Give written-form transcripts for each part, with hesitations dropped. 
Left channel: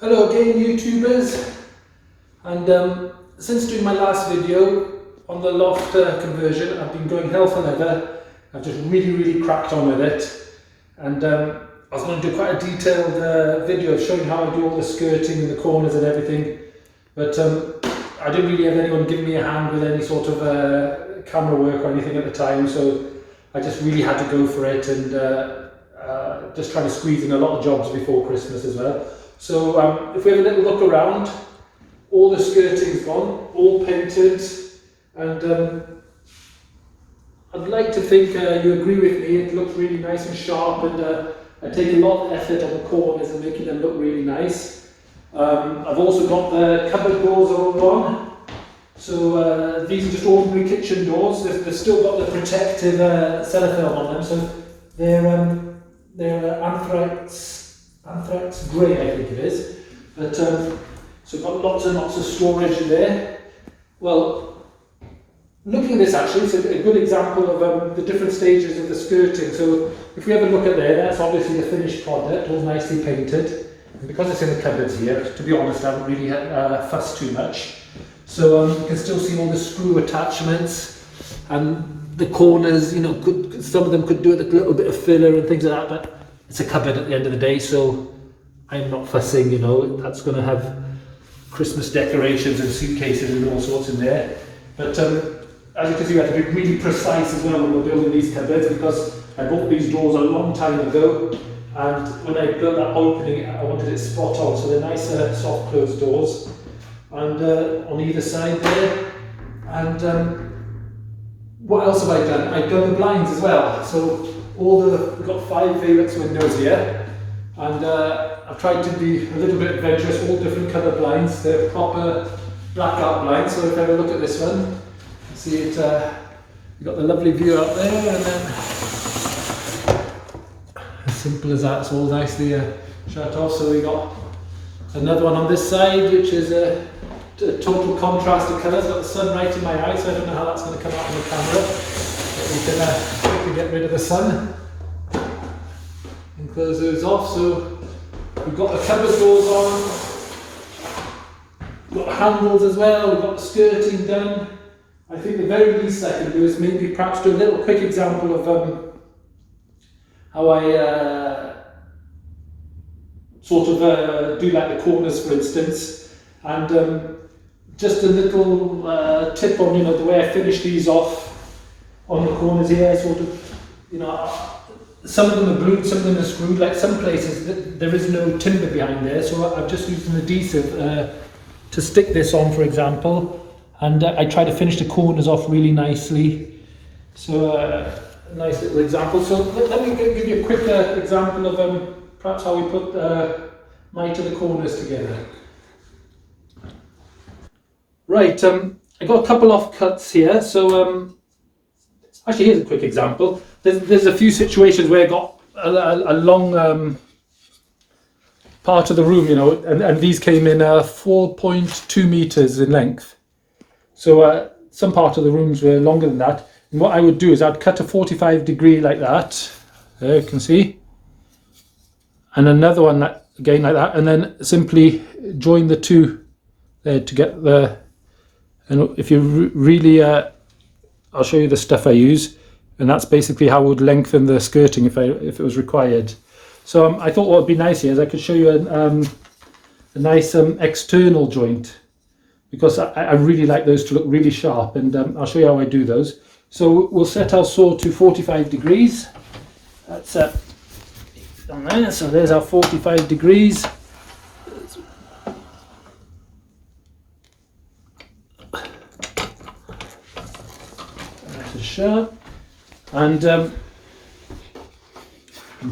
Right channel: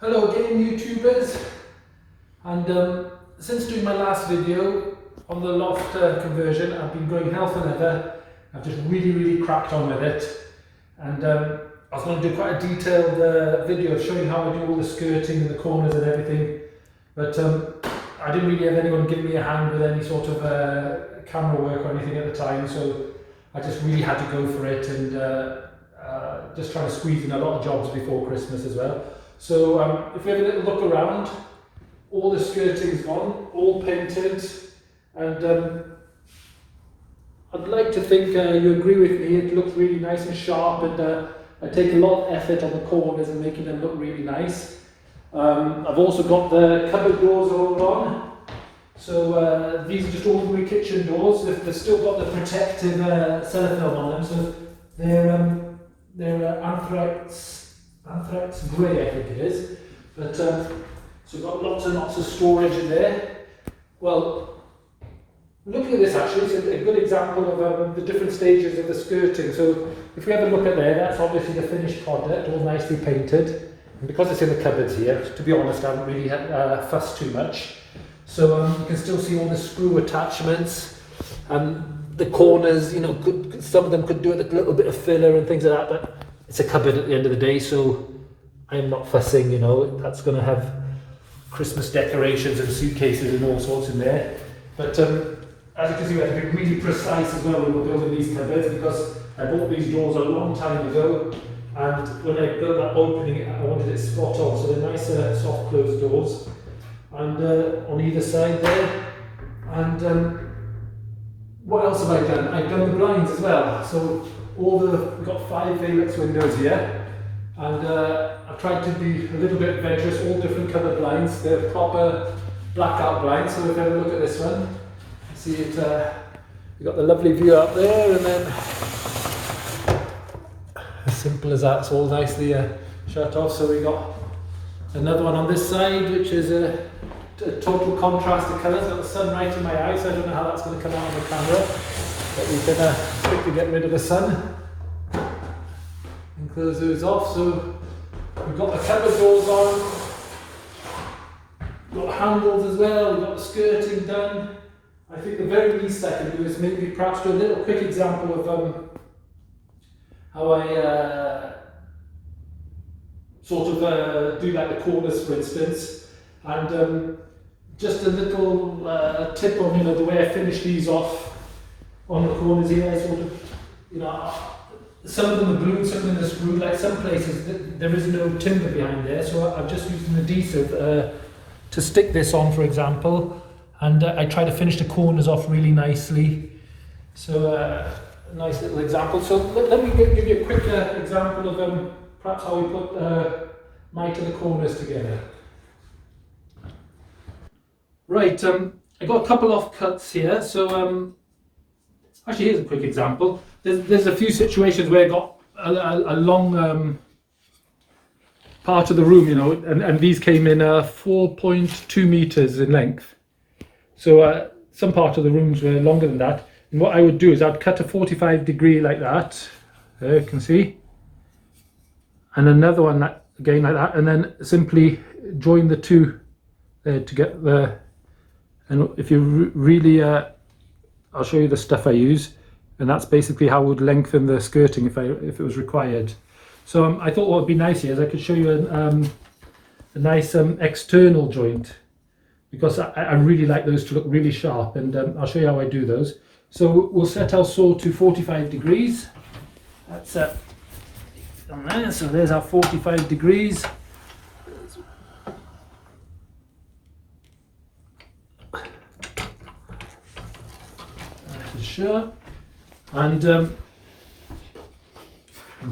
Hello again YouTubers, and since doing my last video on the Loft conversion, I've been going hell for leather. I've just really cracked on with it, and I was going to do quite a detailed video showing how I do all the skirting and the corners and everything, but I didn't really have anyone giving me a hand with any sort of camera work or anything at the time, so I just really had to go for it, and just trying to squeeze in a lot of jobs before Christmas as well. So if we have a little look around, all the skirting's gone, all painted, and I'd like to think you agree with me, it looks really nice and sharp, and I take a lot of effort on the corners and making them look really nice. I've also got the cupboard doors all on. So these are just ordinary kitchen doors. They've still got the protective cellophane on them, so they're anthrax grey, I think it is. But so got lots and lots of storage in there. Well, looking at this actually, it's a good example of the different stages of the skirting. So if we have a look at there, that's obviously the finished product, all nicely painted. And because it's in the cupboards here, to be honest, I haven't really fussed too much. So you can still see all the screw attachments and the corners, you know, some of them could do with a little bit of filler and things like that, but it's a cupboard at the end of the day, so I'm not fussing, you know, that's going to have Christmas decorations and suitcases and all sorts in there. But as you can see, we had to be really precise as well when we were building these cupboards, because I bought these doors a long time ago, and when I built that opening, I wanted it spot on, so they're nice soft closed doors. And on either side there, and what else have I done? I've done the blinds as well. So we've got 5 Valux windows here, and I've tried to be a little bit adventurous. All different colour blinds. They're proper black art blinds. So if I have a look at this one, see it. You've got the lovely view up there, and then as simple as that, it's all nicely shut off. So we've got another one on this side, which is a total contrast of colours. Got the sun right in my eye, so I don't know how that's going to come out on the camera. But we can quickly get rid of the sun and close those off. So we've got the cupboard doors on. We've got handles as well. We've got the skirting done. I think the very least I can do is maybe perhaps do a little quick example of how I sort of do like the corners, for instance, and just a little tip on, you know, the way I finish these off on the corners here. Sort of, you know, some of them are glued, some of them are screwed. Like some places there is no timber behind there, so I've just used an adhesive to stick this on, for example, and I try to finish the corners off really nicely. So a nice little example. So let me give you a quick example of perhaps how we put to the corners together. Right, I got a couple of cuts here. So actually, here's a quick example. There's a few situations where I got a long part of the room, you know, and these came in 4.2 meters in length. So some part of the rooms were longer than that. And what I would do is I'd cut a 45-degree like that. There you can see. And another one that, again like that, and then simply join the two there to get the, and if you really, I'll show you the stuff I use, and that's basically how I would lengthen the skirting if it was required. So I thought what would be nice here is I could show you a nice external joint, because I really like those to look really sharp, and I'll show you how I do those. So we'll set our saw to 45 degrees. That's on there. So there's our 45 degrees. That's sharp. And of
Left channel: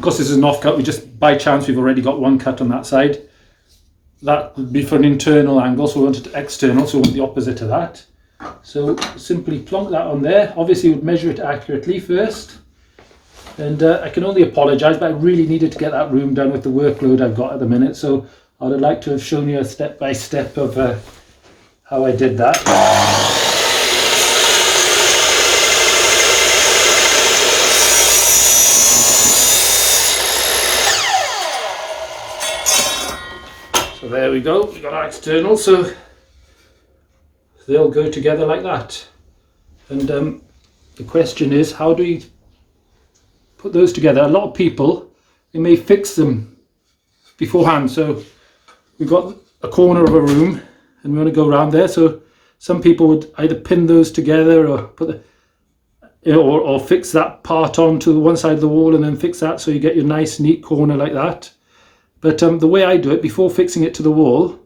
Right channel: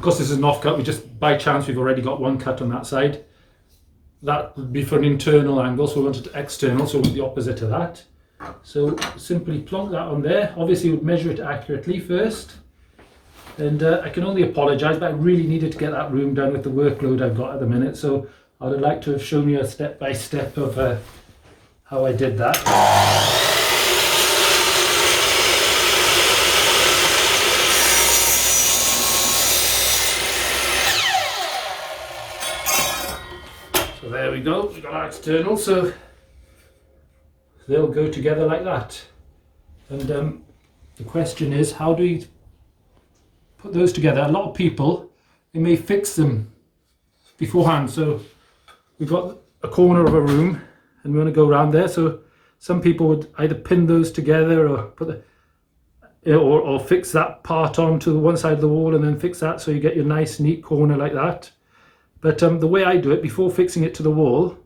course this is an off-cut. We just, by chance, we've already got one cut on that side. That would be for an internal angle, so we want it external, so we want the opposite of that. So simply plonk that on there. Obviously you would measure it accurately first. And I can only apologise, but I really needed to get that room done with the workload I've got at the minute. So I would like to have shown you a step-by-step of how I did that. So there we go, we've got our external, so they'll go together like that. And the question is, how do you put those together? A lot of people, they may fix them beforehand. So we've got a corner of a room and we want to go around there. So some people would either pin those together or put the, or fix that part onto one side of the wall and then fix that so you get your nice neat corner like that. But the way I do it, before fixing it to the wall,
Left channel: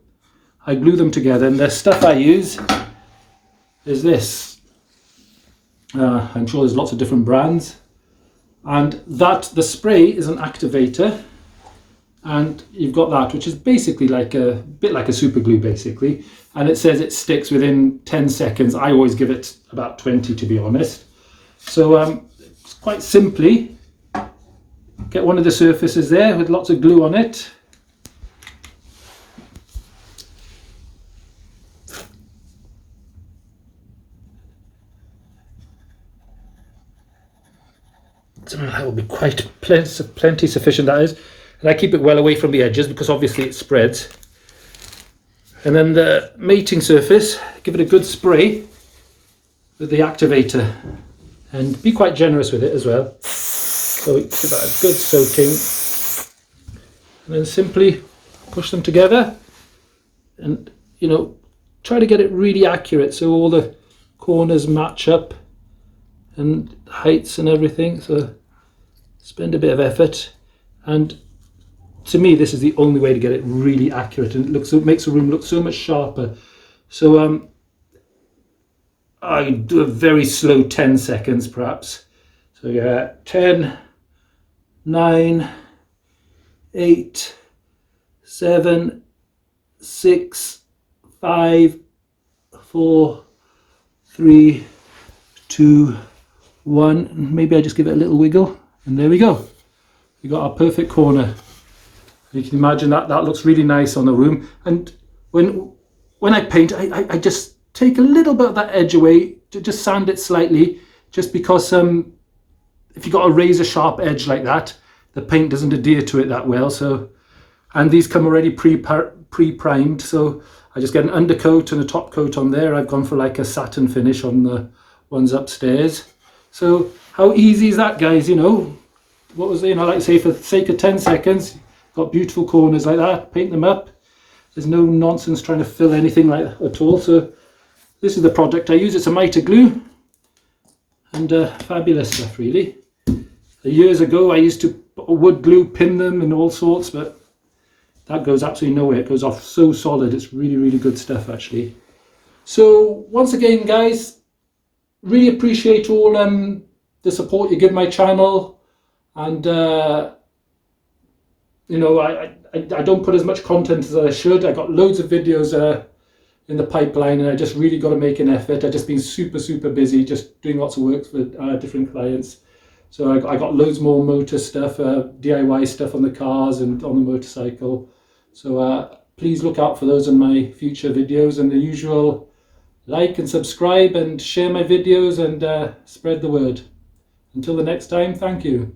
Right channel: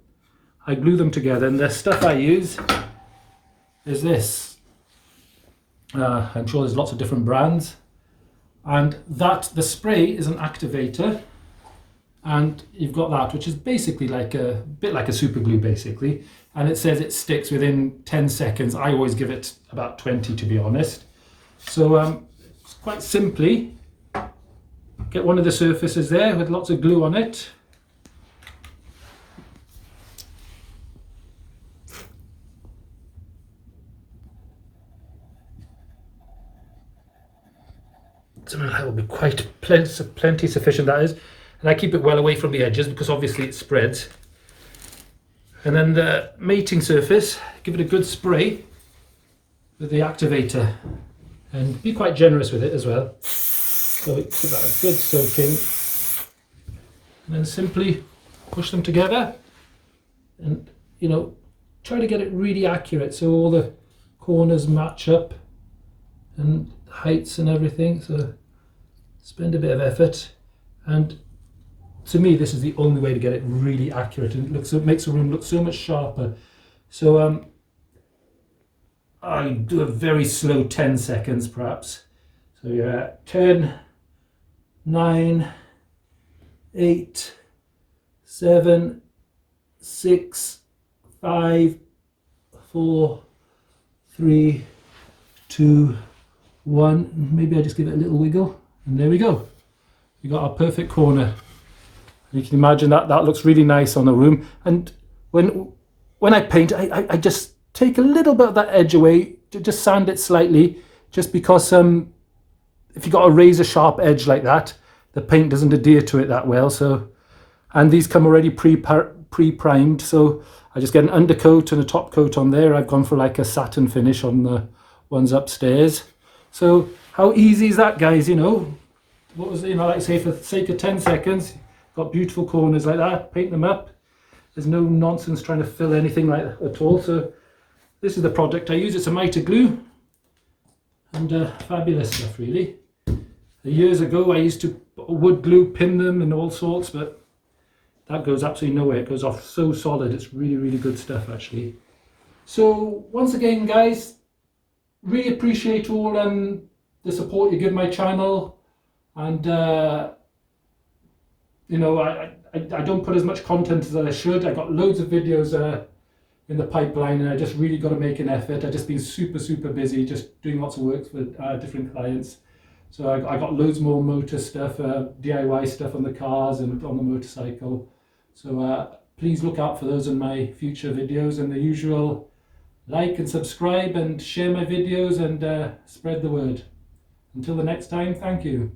I glue them together, and the stuff I use is this. I'm sure there's lots of different brands, and that the spray is an activator, and you've got that, which is basically like a bit like a super glue basically, and it says it sticks within 10 seconds. I always give it about 20 to be honest. So quite simply, get one of the surfaces there with lots of glue on it. So that will be quite plenty sufficient, that is. And I keep it well away from the edges because obviously it spreads. And then the mating surface, give it a good spray with the activator. And be quite generous with it as well. So give that a good soaking. And then simply push them together. And, you know, try to get it really accurate so all the corners match up and heights and everything. So spend a bit of effort. And to me, this is the only way to get it really accurate, and it makes the room look so much sharper. So I do a very slow 10 seconds perhaps. So yeah, 10, 9, 8, 7, 6, 5, 4, 3, 2, 1. Maybe I just give it a little wiggle, and there we go. We got our perfect corner. You can imagine that looks really nice on the room. And when I paint, I just take a little bit of that edge away, to just sand it slightly, just because if you've got a razor sharp edge like that, the paint doesn't adhere to it that well. So, and these come already pre-primed, so I just get an undercoat and a top coat on there. I've gone for like a satin finish on the ones upstairs. So how easy is that, guys? You know, what was, you know, like I say, for the sake of 10 seconds, got beautiful corners like that, paint them up. There's no nonsense trying to fill anything like that at all. So this is the product I use. It's a mitre glue, and fabulous stuff really. Years ago I used to wood glue pin them and all sorts, but that goes absolutely nowhere. It goes off so solid. It's really, really good stuff actually. So once again, guys, really appreciate all the support you give my channel, and you know, I don't put as much content as I should. I got loads of videos in the pipeline, and I just really got to make an effort. I've just been super busy, just doing lots of work for different clients. So I got loads more motor stuff, DIY stuff on the cars and on the motorcycle. So please look out for those in my future videos, and the usual like and subscribe and share my videos and spread the word. Until the next time, thank you.